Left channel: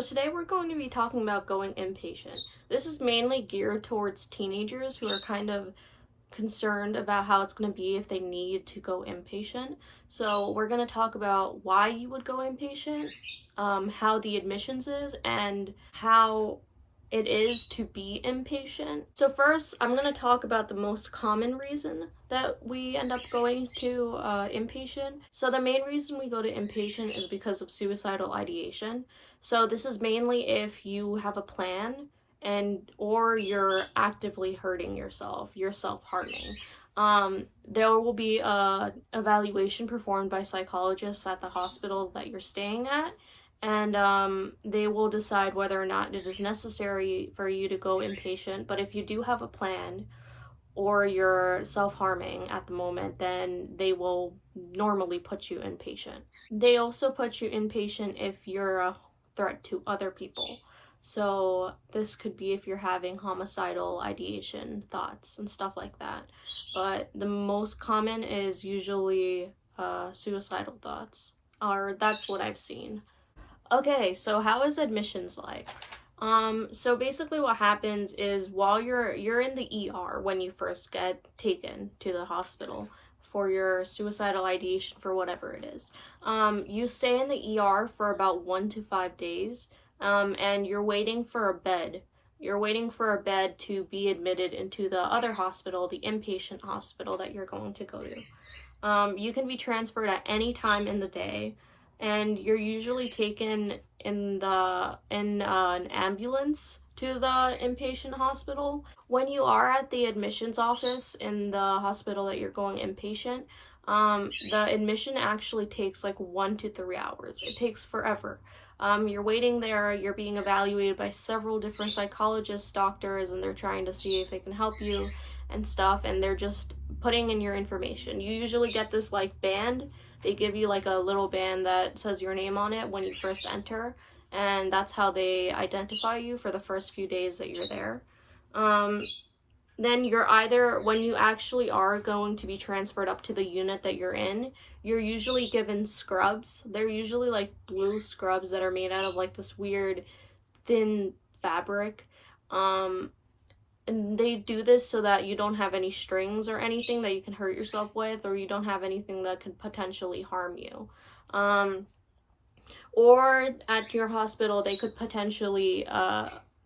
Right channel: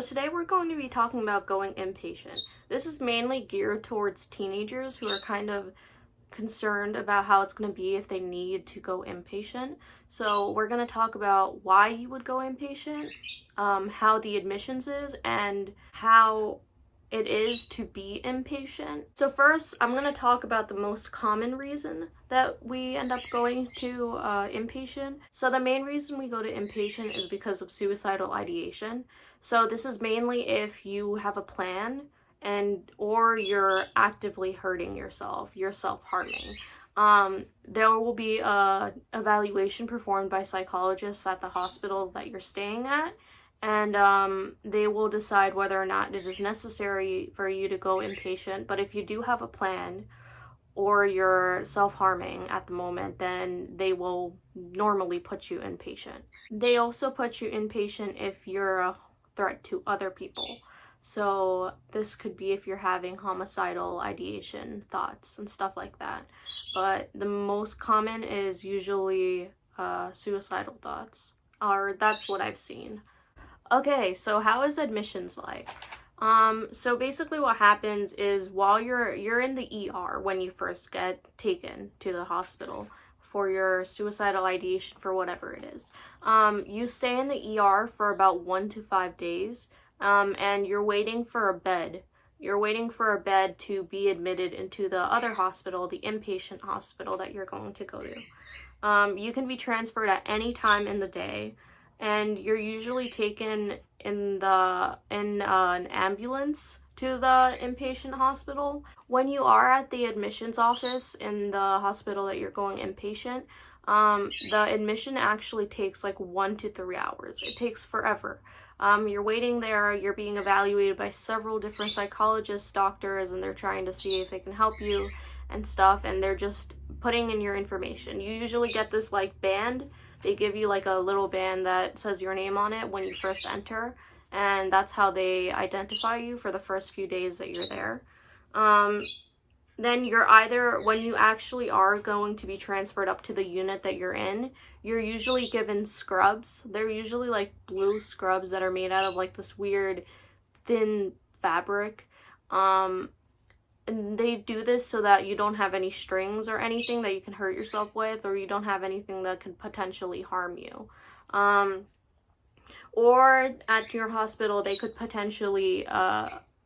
So today we're going to be talking about going inpatient. This is mainly geared towards teenagers who are kind of concerned about how it's going to be if they need to go inpatient. So we're going to talk about why you would go inpatient, how the admissions is, and how it is to be inpatient. So first, I'm going to talk about the most common reason that we end up going to inpatient. So the main reason we go to inpatient is because of suicidal ideation. So this is mainly if you have a plan or you're actively hurting yourself, you're self-harming. There will be a evaluation performed by psychologists at the hospital that you're staying at, and they will decide whether or not it is necessary for you to go inpatient. But if you do have a plan or you're self-harming at the moment, then they will normally put you inpatient. They also put you inpatient if you're a threat to other people. So this could be if you're having homicidal ideation thoughts and stuff like that. But the most common is usually suicidal thoughts, or that's what I've seen. Okay, so how is admissions like? So basically what happens is while you're in the ER when you first get taken to the hospital for your suicidal ideation for whatever it is, you stay in the ER for about 1 to 5 days, and you're waiting for a bed. You're waiting for a bed to be admitted into the other hospital, the inpatient hospital that you're going to go to. You can be transferred at any time in the day, and you're usually taken in an ambulance to the inpatient hospital. When you are at the admissions office in the hospital that you're going inpatient, the admission actually takes like 1 to 3 hours. It takes forever. You're waiting there, you're being evaluated by several different psychologists, doctors, and they're trying to see if they can help you and stuff, and they're just putting in your information. You usually get this like band. They give you like a little band that says your name on it when you first enter, and that's how they identify you for the first few days that you're there. Then you're either, when you actually are going to be transferred up to the unit that you're in, you're usually given scrubs. They're usually like blue scrubs that are made out of like this weird thin fabric. And they do this so that you don't have any strings or anything that you can hurt yourself with, or you don't have anything that could potentially harm you. Or at your hospital, they could potentially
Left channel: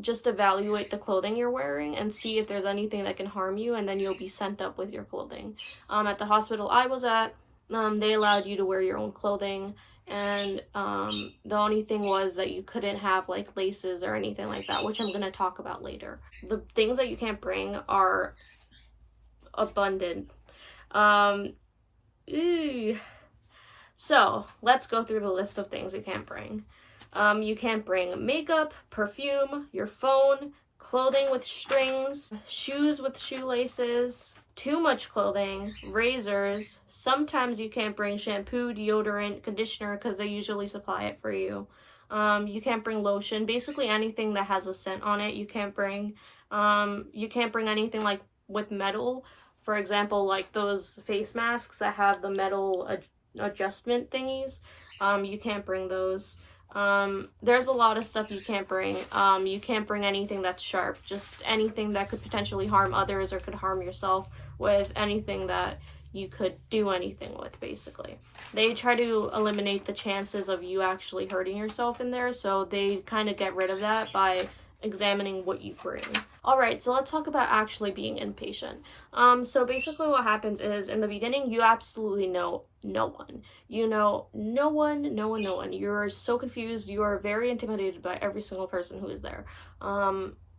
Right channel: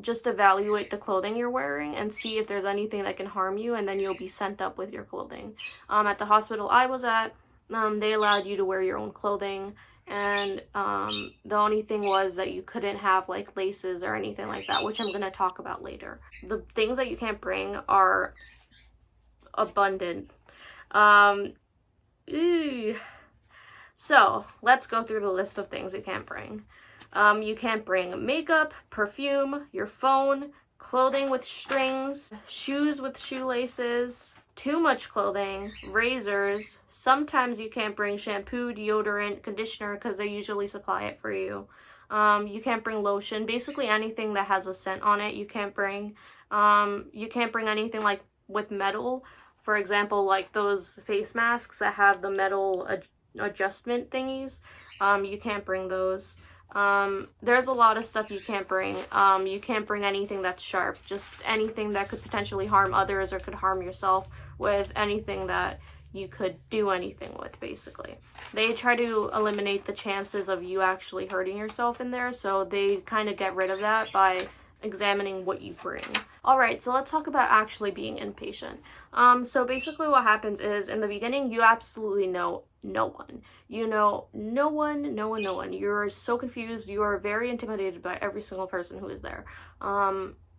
just evaluate the clothing you're wearing and see if there's anything that can harm you, and then you'll be sent up with your clothing. At the hospital I was at, they allowed you to wear your own clothing, and the only thing was that you couldn't have like laces or anything like that, which I'm going to talk about later. The things that you can't bring are abundant. So let's go through the list of things you can't bring. You can't bring makeup, perfume, your phone, clothing with strings, shoes with shoelaces, too much clothing, razors. Sometimes you can't bring shampoo, deodorant, conditioner because they usually supply it for you. You can't bring lotion. Basically anything that has a scent on it you can't bring. You can't bring anything like with metal. For example, like those face masks that have the metal adjustment thingies. You can't bring those. There's a lot of stuff you can't bring. You can't bring anything that's sharp, just anything that could potentially harm others or could harm yourself with, anything that you could do anything with, basically. They try to eliminate the chances of you actually hurting yourself in there, so they kind of get rid of that by examining what you bring. Alright, so let's talk about actually being inpatient. So basically what happens is, in the beginning, you absolutely know no one. You know no one. You're so confused. You are very intimidated by every single person who is there.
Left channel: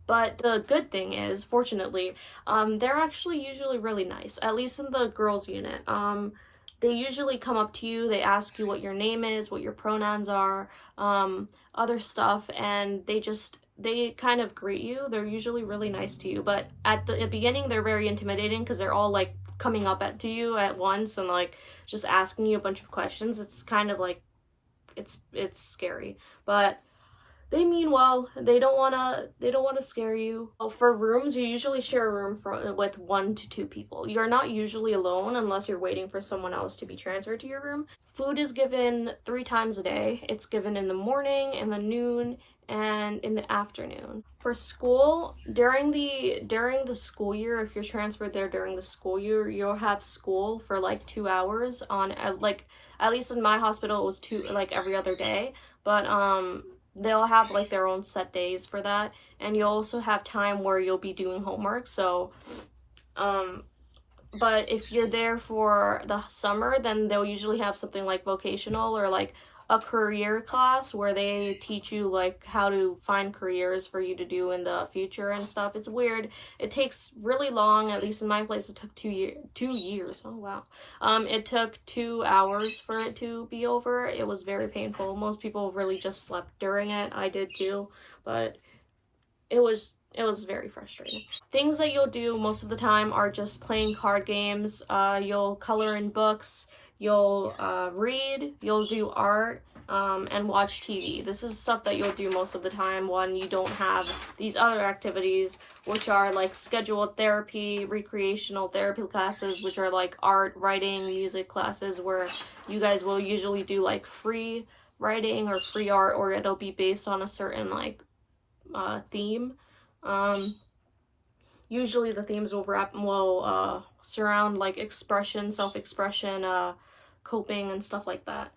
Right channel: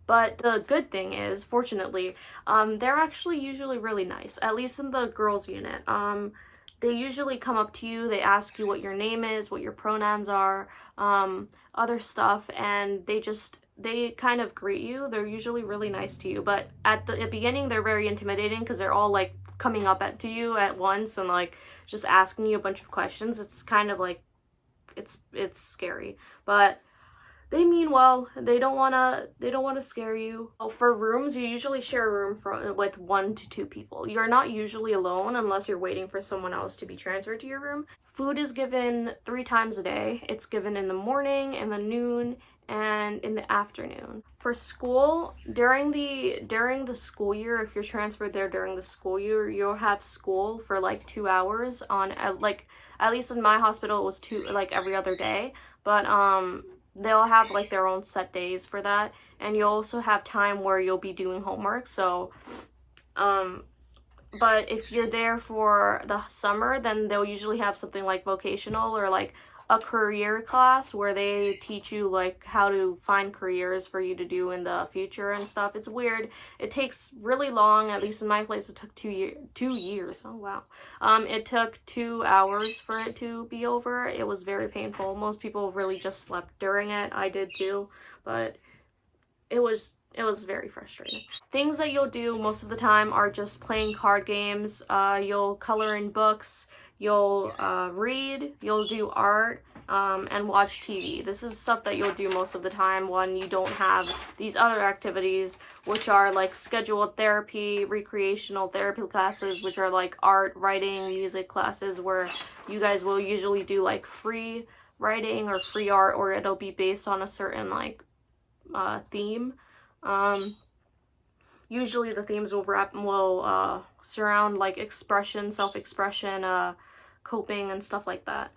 But the good thing is, fortunately, they're actually usually really nice, at least in the girls' unit. They usually come up to you, they ask you what your name is, what your pronouns are, other stuff, and they kind of greet you. They're usually really nice to you, but at the beginning they're very intimidating because they're all like coming up to you at once and like just asking you a bunch of questions. It's kind of like it's scary, but they mean well. They don't wanna scare you. Oh, for rooms, you usually share a room with 1 to 2 people. You're not usually alone unless you're waiting for someone else to be transferred to your room. Food is given 3 times a day. It's given in the morning, in the noon, and in the afternoon. For school, during the school year, if you're transferred there during the school year, you'll have school for like 2 hours on like, at least in my hospital it was two, like every other day. But they'll have like their own set days for that, and you'll also have time where you'll be doing homework. So um but if you're there for the summer, then they'll usually have something like vocational or like a career class where they teach you like how to find careers for you to do in the future and stuff. It's weird. It takes really long. At least in my place, it took 2 years. Oh wow. It took 2 hours for it to be over. It was very painful. Most people really just slept during it. I did too, but it was very frustrating. Things that you'll do most of the time are just playing card games. You'll color in books. You'll read. You'll do art. And watch TV. This is stuff that you'll do most of the time when you don't have these other activities, which are like scheduled therapy, recreational therapy classes, which are like art, writing, music classes, where you guys will usually do like free writing or free art, or it'll be based on a certain like theme. Usually the themes will surround like expression, self-expression, coping, and stuff like that.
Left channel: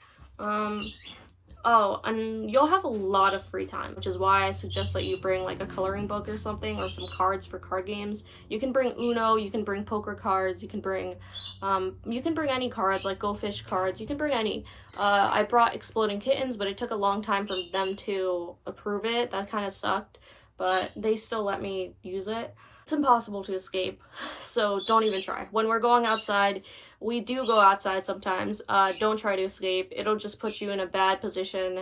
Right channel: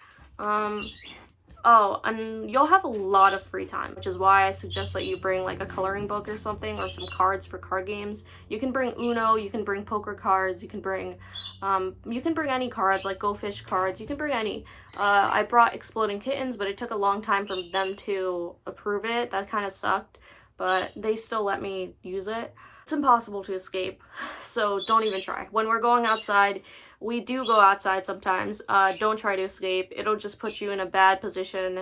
Oh, and you'll have a lot of free time, which is why I suggest that you bring like a coloring book or something, or some cards for card games. You can bring Uno, you can bring poker cards, you can bring any cards, like Go Fish cards, you can bring any. I brought Exploding Kittens, but it took a long time for them to approve it. That kind of sucked, but they still let me use it. It's impossible to escape, so don't even try. When we're going outside, we do go outside sometimes. Don't try to escape. It'll just put you in a bad position.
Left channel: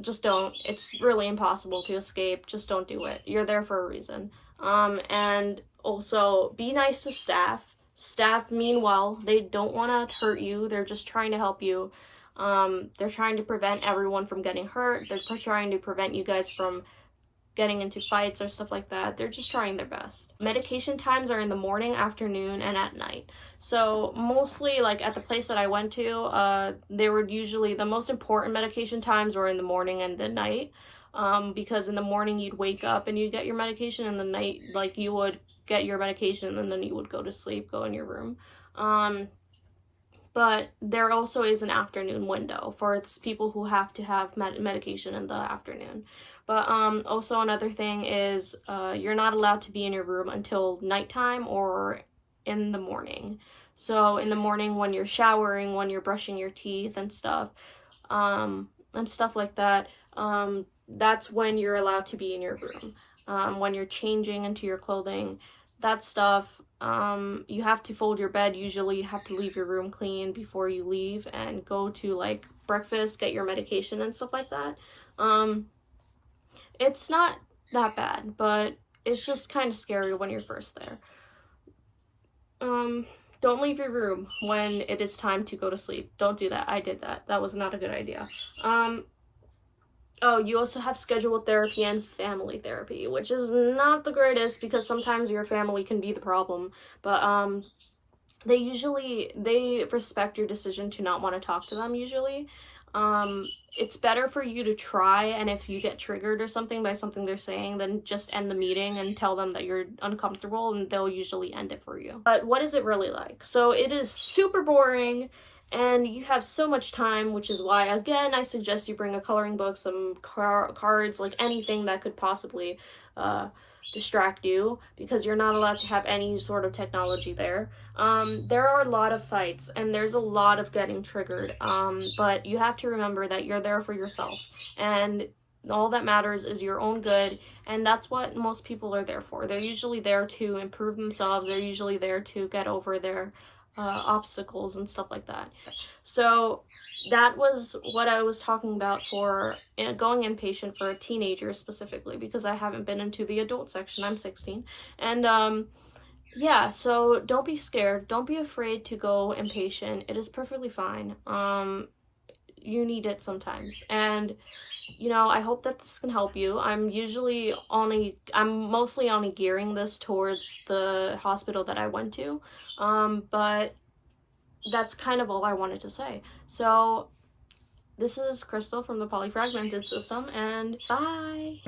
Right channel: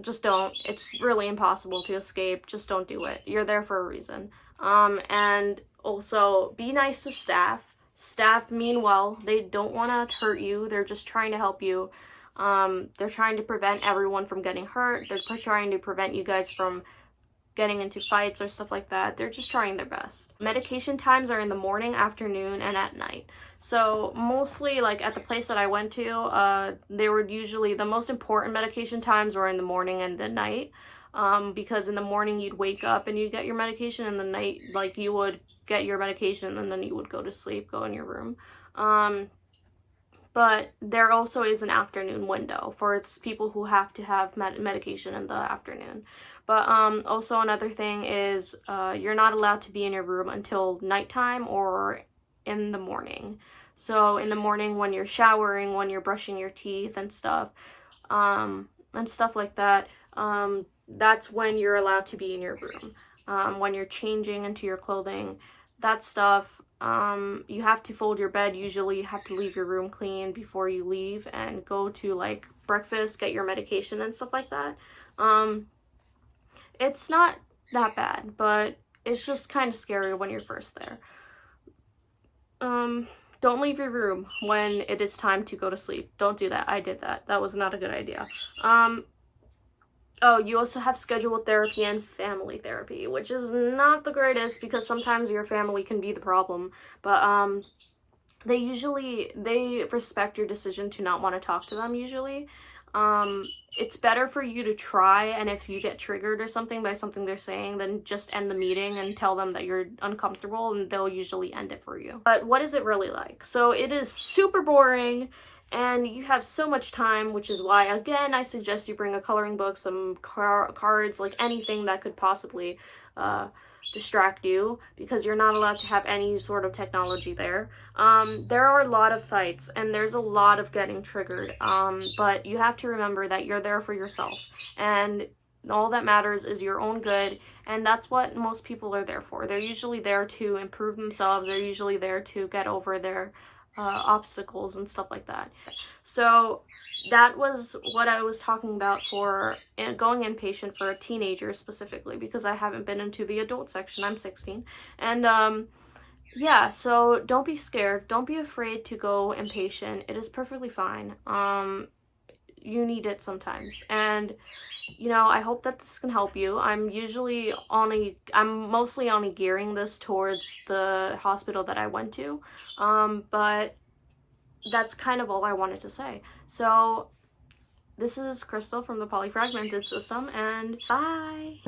Just don't. It's really impossible to escape. Just don't do it. You're there for a reason. And also, be nice to staff. Staff mean well. They don't want to hurt you. They're just trying to help you. They're trying to prevent everyone from getting hurt. They're trying to prevent you guys from getting into fights or stuff like that. They're just trying their best. Medication times are in the morning, afternoon, and at night. So mostly, like at the place that I went to, they were usually, the most important medication times were in the morning and the night. Because in the morning you'd wake up and you'd get your medication, and the night, like, you would get your medication and then you would go to sleep, go in your room. But there also is an afternoon window for people who have to have medication in the afternoon. But also another thing is you're not allowed to be in your room until nighttime or in the morning. So in the morning, when you're showering, when you're brushing your teeth and stuff like that, that's when you're allowed to be in your room. When you're changing into your clothing, that stuff, you have to fold your bed. Usually you have to leave your room clean before you leave and go to like breakfast, get your medication and stuff like that. It's not that bad, but it's just kind of scary when you're first there. Don't leave your room when it is time to go to sleep. Don't do that. I did that. That was not a good idea. Oh, you also have scheduled therapy and family therapy, which is not the greatest because sometimes your family can be the problem. But they respect your decision to not want to talk to them usually. It's better for you to try, and if you get triggered or something by something they're saying, then just end the meeting and tell them that you're uncomfortable, and they'll usually end it for you. But what is it really like? So it is super boring, and you have so much time, which is why, again, I suggest you bring a coloring book, some cards, like anything that could possibly distract you, because you're not allowed to have any sort of technology there. There are a lot of fights, and there's a lot of getting triggered, but you have to remember that you're there for yourself, and all that matters is your own good, and that's what most people are there for. They're usually there to improve themselves. They're usually there to get over their obstacles and stuff like that. So that was what I was talking about for going inpatient for a teenager specifically, because I haven't been into the adult section. I'm 16. And yeah, so don't be scared. Don't be afraid to go inpatient. It is perfectly fine. you need it sometimes. And you know, I hope that this can help you. I'm mostly only gearing this towards the hospital that I went to, but that's kind of all I wanted to say. So this is Crystal from the Polyfragmented System, and bye!